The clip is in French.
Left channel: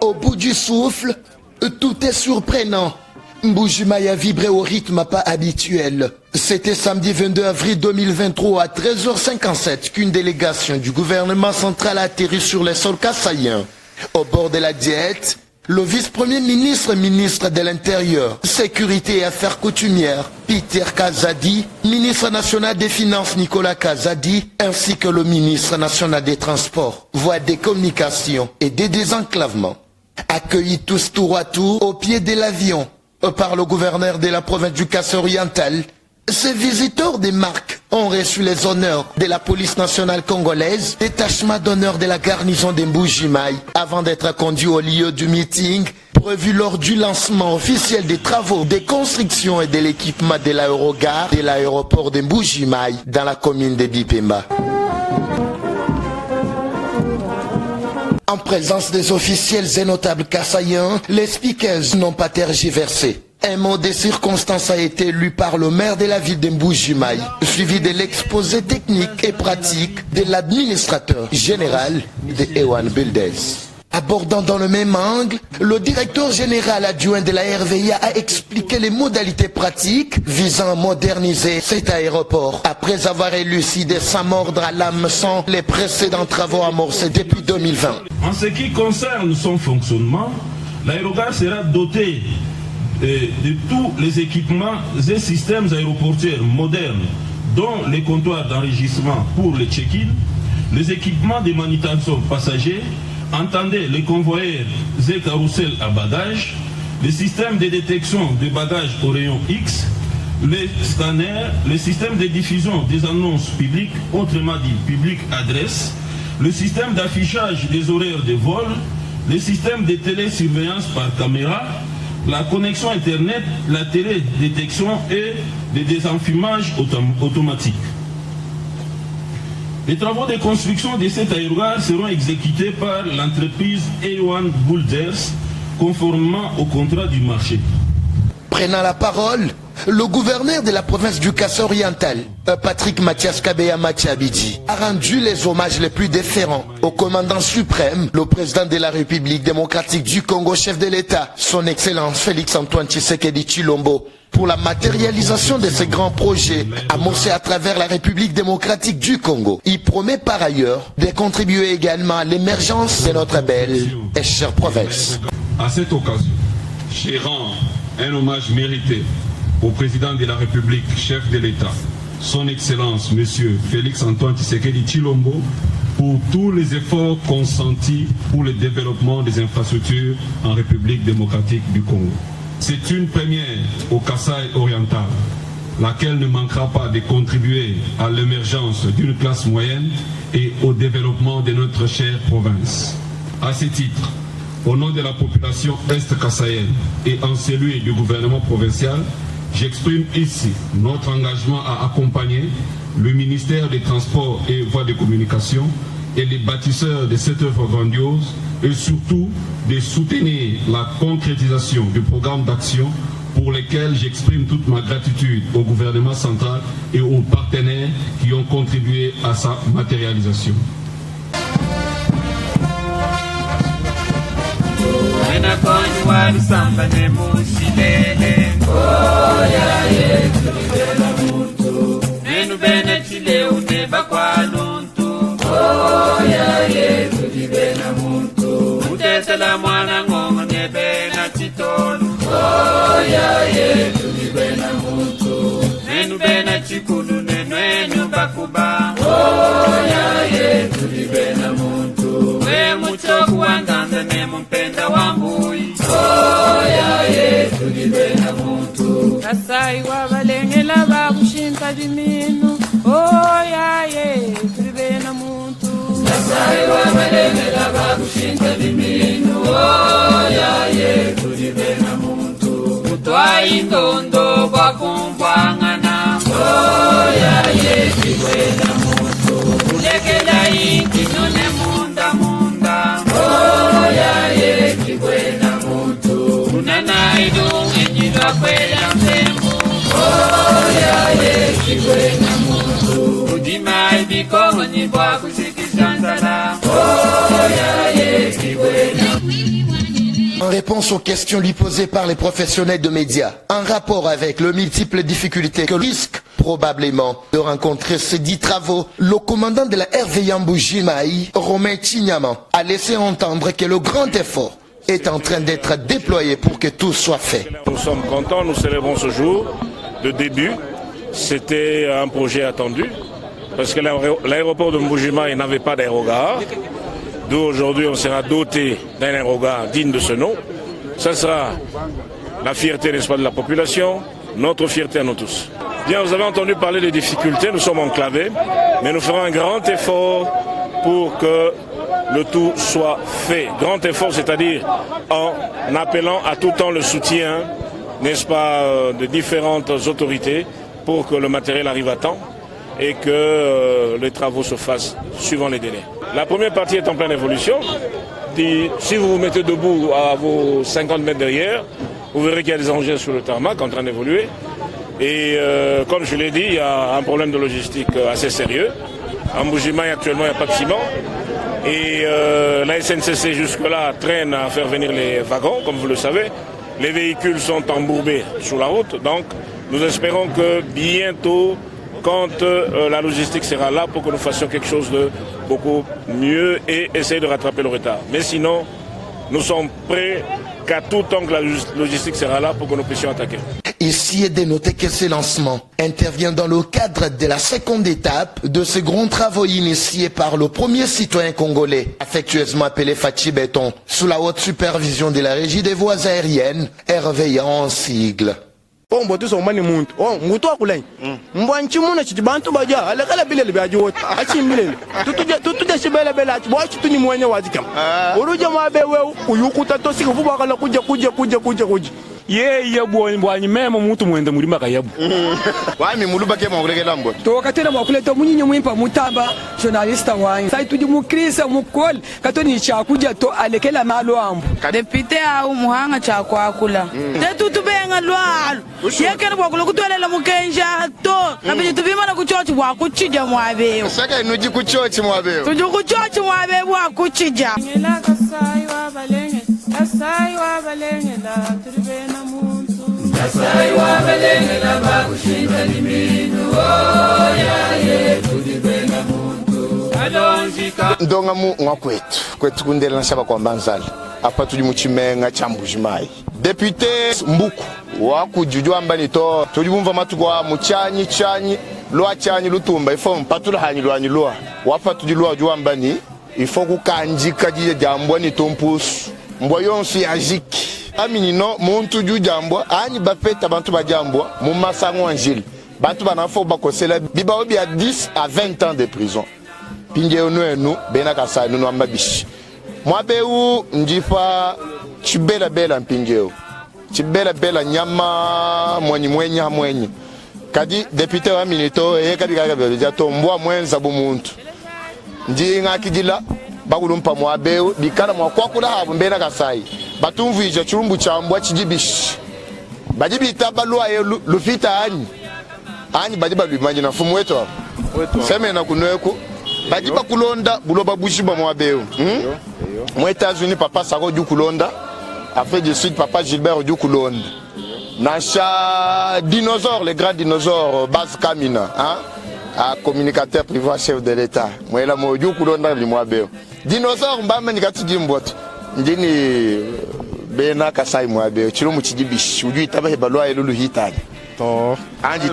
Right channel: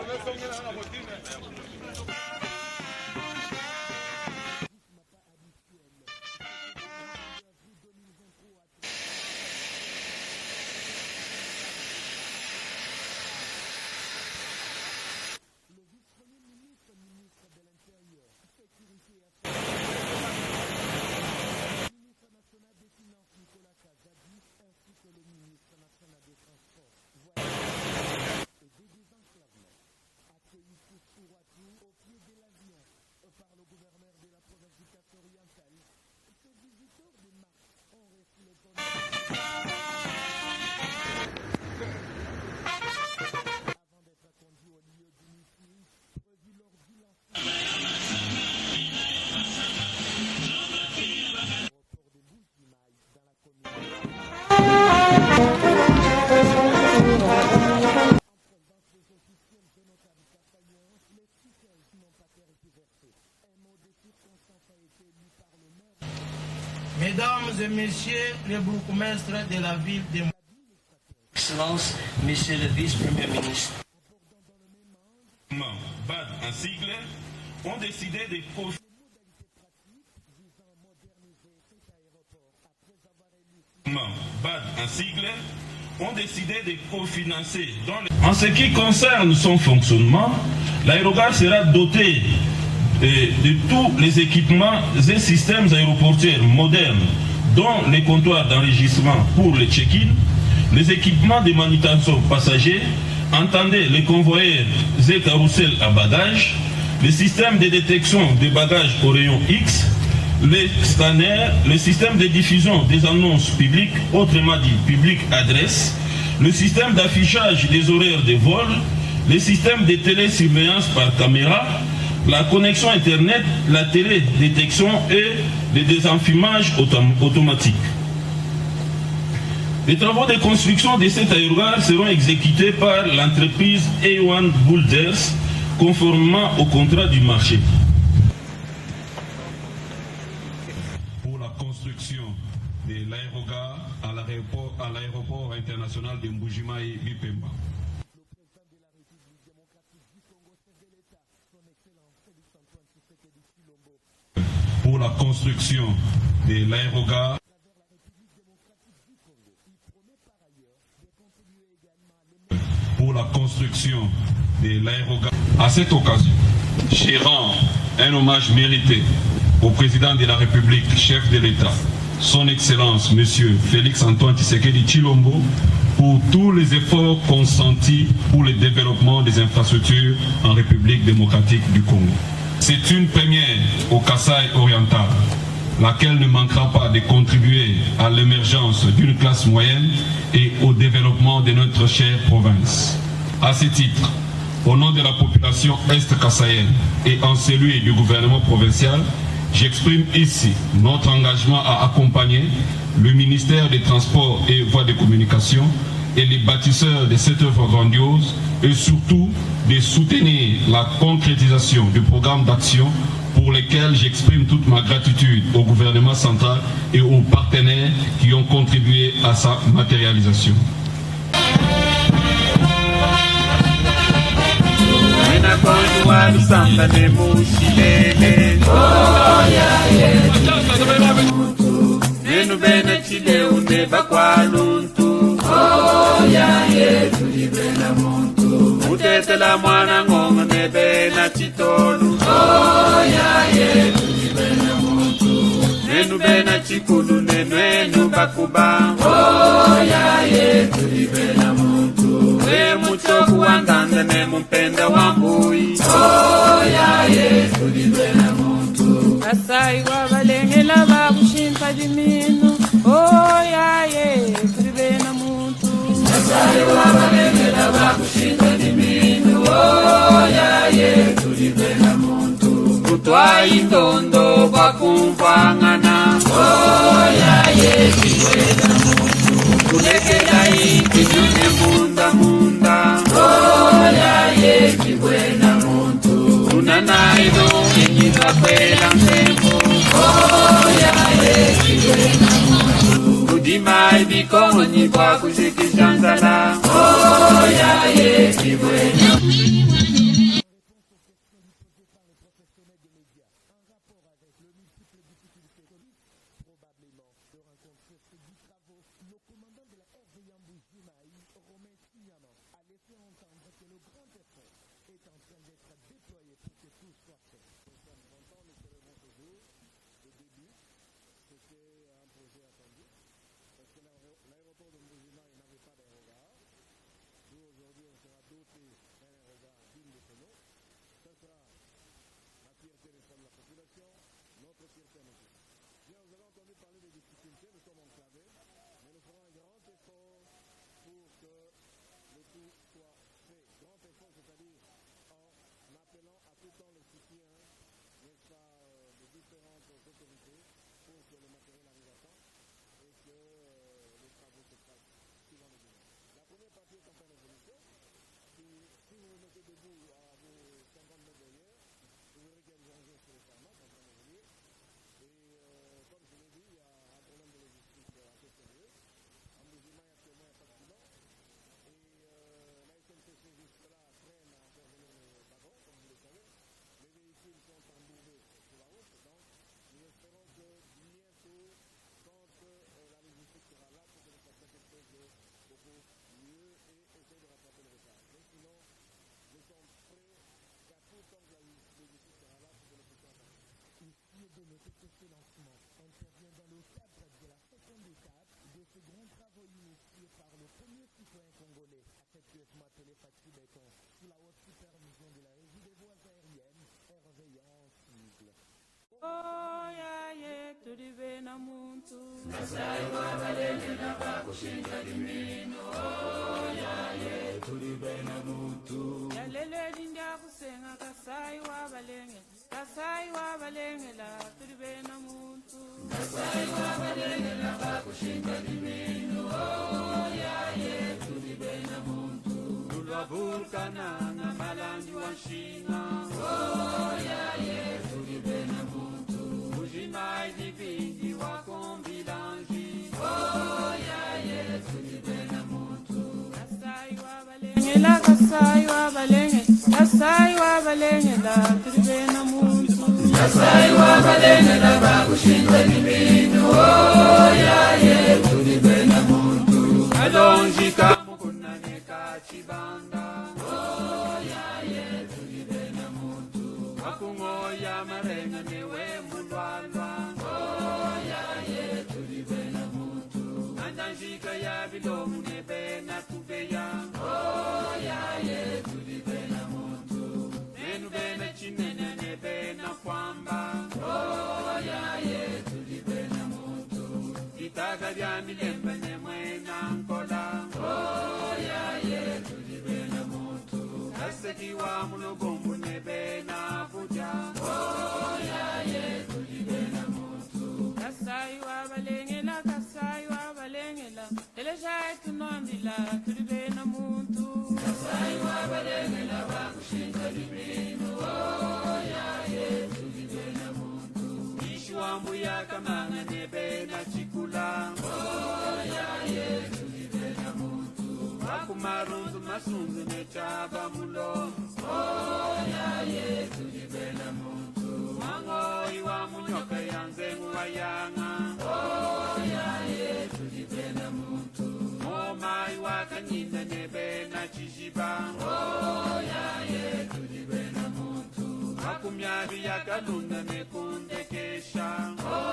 Au bout du souffle, tout est surprenant. Mbuji-Mayi a vibré au rythme pas habituel. C'était samedi 22 avril 2023 à 13h57 qu'une délégation du gouvernement central a atterri sur les sols kassaïens. Au bord de la diète, le vice-premier ministre, ministre de l'Intérieur, Sécurité et Affaires coutumières, Peter Kazadi, ministre national des Finances, Nicolas Kazadi, ainsi que le ministre national des Transports, voies des communications et des désenclavements. Accueillis tous tour à tour au pied de l'avion par le gouverneur de la province du Kasaï-Oriental, ces visiteurs des marques ont reçu les honneurs de la police nationale congolaise, détachement d'honneur de la garnison de Mbuji-Mayi, avant d'être conduits au lieu du meeting prévu lors du lancement officiel des travaux de construction et de l'équipement de l'aérogare de l'aéroport de Mbuji-Mayi dans la commune de Bipemba. En présence des officiels et notables kassaïens, les speakers n'ont pas tergiversé. Un mot de circonstance a été lu par le maire de la ville de Mbuji-Mayi, suivi de l'exposé technique et pratique de l'administrateur général de Ewan Builders. Abordant dans le même angle, le directeur général adjoint de la RVIA a expliqué les modalités pratiques visant à moderniser cet aéroport, après avoir élucidé sans mordre à l'hameçon les précédents travaux amorcés depuis 2020. En ce qui concerne son fonctionnement, l'aérogare sera doté de tous les équipements et systèmes aéroportuaires modernes, dont les comptoirs d'enregistrement pour les check-in, les équipements de manutention passagers, entendez les convoyeurs et carousels à bagages, les systèmes de détection des bagages au rayon X, les scanners, les systèmes de diffusion des annonces publiques, autrement dit public adresse, le système d'affichage des horaires de vol, les systèmes de télésurveillance par caméra, la connexion Internet, la télédétection et le désenfumage automatique. Les travaux de construction de cet aérogare seront exécutés par l'entreprise Ewan Builders, conformément au contrat du marché. Prenant la parole, le gouverneur de la province du Kasaï-Oriental, Patrick Mathias Kabeya Mathiabidji, a rendu les hommages les plus déférents au commandant suprême, le président de la République démocratique du Congo, chef de l'État, son Excellence Félix-Antoine Tshisekedi Tshilombo, pour la matérialisation de ces grands projets amorcés à travers la République démocratique du Congo. Il promet par ailleurs de contribuer également à l'émergence de notre belle et chère province. À cette occasion, je rends un hommage mérité au président de la République, chef de l'État, son Excellence, M. Félix-Antoine Tshisekedi Tshilombo, pour tous les efforts consentis pour le développement des infrastructures en République démocratique du Congo. C'est une première au Kasaï-Oriental, laquelle ne manquera pas de contribuer à l'émergence d'une classe moyenne et au développement de notre chère province. À ce titre, au nom de la population est-kassaïenne et en celui du gouvernement provincial, j'exprime ici notre engagement à accompagner le ministère des Transports et Voies de Communication et les bâtisseurs de cette œuvre grandiose et surtout de soutenir la concrétisation du programme d'action pour lesquels j'exprime toute ma gratitude au gouvernement central et aux partenaires qui ont contribué à sa matérialisation. Utetela mwana ngonga nebe na chitolu. Oya ye tulibe na muntu. Nenu bena chikulu nenu bakuba. Oya ye tulibe na muntu. We muchoku wanganza ne mpenda wambui. Oya ye tulibe na muntu. Kasai wabalengela bakushimpa diminu. Oya ye tulibe na muntu. Kasai wabalengela bakushinta diminu. Oya ye tulibe na muntu. Kutwa indondo bakumpangana. Oya ye tulibe na muntu. Kulekela ikinyone munda munda. Oya ye tulibe na muntu. Unana ido enyidwa kwela msembo. Oya ye tulibe na muntu. Kudima ibiko nyibwa kushikishanzala. réponse aux questions lui posées par les professionnels de médias, en rapport avec les multiples difficultés que risque probablement de rencontrer ces 10 travaux, le commandant de la RVA Mbuji-Mayi, Romain Chignama, a laissé entendre que le grand effort est en train d'être déployé pour que tout soit fait. Nous sommes contents, nous célébrons ce jour de début. C'était un projet attendu parce que l'aéroport de Mbuji-Mayi n'avait pas d'aérogare. D'où aujourd'hui on sera doté d'un aérogare digne de ce nom. Ça sera la fierté, n'est-ce pas, de la population, notre fierté à nous tous. Bien, vous avez entendu parler des difficultés, nous sommes enclavés, mais nous ferons un grand effort pour que le tout soit fait. Grand effort, c'est-à-dire en appelant à tout temps le soutien, n'est-ce pas, de différentes autorités pour que le matériel arrive à temps et que les travaux se fassent suivant les délais. La première partie est en pleine évolution. Si vous vous mettez debout à vos 50 mètres derrière, vous verrez qu'il y a des engins sur le tarmac en train d'évoluer. Et comme je l'ai dit, il y a un problème de logistique assez sérieux. À Mbuji-Mayi, actuellement, il n'y a pas de ciment. Et la SNCC jusque-là traîne à faire venir les wagons, comme vous le savez. Les véhicules sont embourbés sur la route. Donc nous espérons que bientôt, quand la logistique sera là pour que nous fassions quelque chose de beaucoup mieux et essayer de rattraper le retard. Mais sinon, nous sommes prêts qu'à tout temps que la logistique sera là pour que nous puissions attaquer. Ici est de noter que ce lancement intervient dans le cadre de la seconde étape de ces grands travaux initiés par le premier citoyen congolais, affectueusement appelé Fachi Béton, sous la haute supervision de la Régie des voies aériennes, RVA en sigle. Mboto so mani muntu nguto akulai mbwanchi muna chiti bantu baja alakala bilele baji wot achi bilele tutuja shibele bele achi bwachi tuni mwenye wazikam uruja mabewe uyukuta to siku vuba kala kuja ye bwanyi mema muntu mwenda mulima kayabu wami muluba ke mawuregela mbo to katena mwakuleta munyinyi mwimpa mutamba journalista wanyi sai tudi mukrisa mukol katoni chakuja to alekela malo ambo depute au muhanga chakwa akula tetutubenga lwalo yekene bwakulo kutolela mukenja to kabije tubimana kuchochi bwakuchija mwabeyo saka inuji kuchochi mwabeyo tuju kuchochi mwabeyo bwakuchija ngela kasai wa balenge la tribena muntu kasai wa balenge la bakushinda liminu ya ye tribena muntu alonjika ndonga mu kwetu kundela nshaba kwa mbanzali apa tuli muchimenga cha Mbuji-Mayi depute Mbuku wakujujwa mbani to tulibumva matukwa muchanyi lwa chanyi lutumba ifo mpatula hanyi lwa wapa tulilwa jwa mbani ifo kukanjika jije jambwa ni tompusu mbwa yonsu ya jiki aminino muntu ju jambwa ani bapeta bantu bajambwa mu masango angile bantu banafo bakosela bibawo bia 10 à 20 ans de prison pinge onu bena kasanu no ambabishi mwabeu njipa chibela mpingeo chibela nyama mwenye kadi depute wa minito kabika bya to mbwa mwenza bumuntu njinga kidila bagulumpa mwabeu bikala mwakwakula habu mbena kasai batumvije churumbu chambwa chijibishi bajibita balwa lufita ani bajiba bimanyi na fumu wetu sema na kunweko bajiba kulonda buloba bushiba mwabeu Moi États-Unis papa Saro du Kulonda, Afrique du Sud papa Gilbert du Kulonda. Nacha dinosaure, les grands dinosaures, Bas Kamina, hein, communicateur privé chef de l'État. Moi là moi du Kulonda li moi beo. Dinosaure mbamba nikati jimboto. Ndini bena kasai moi beo. Chiro muchidibishi, uju itaba hebalwa elulu hitani. Oh, andi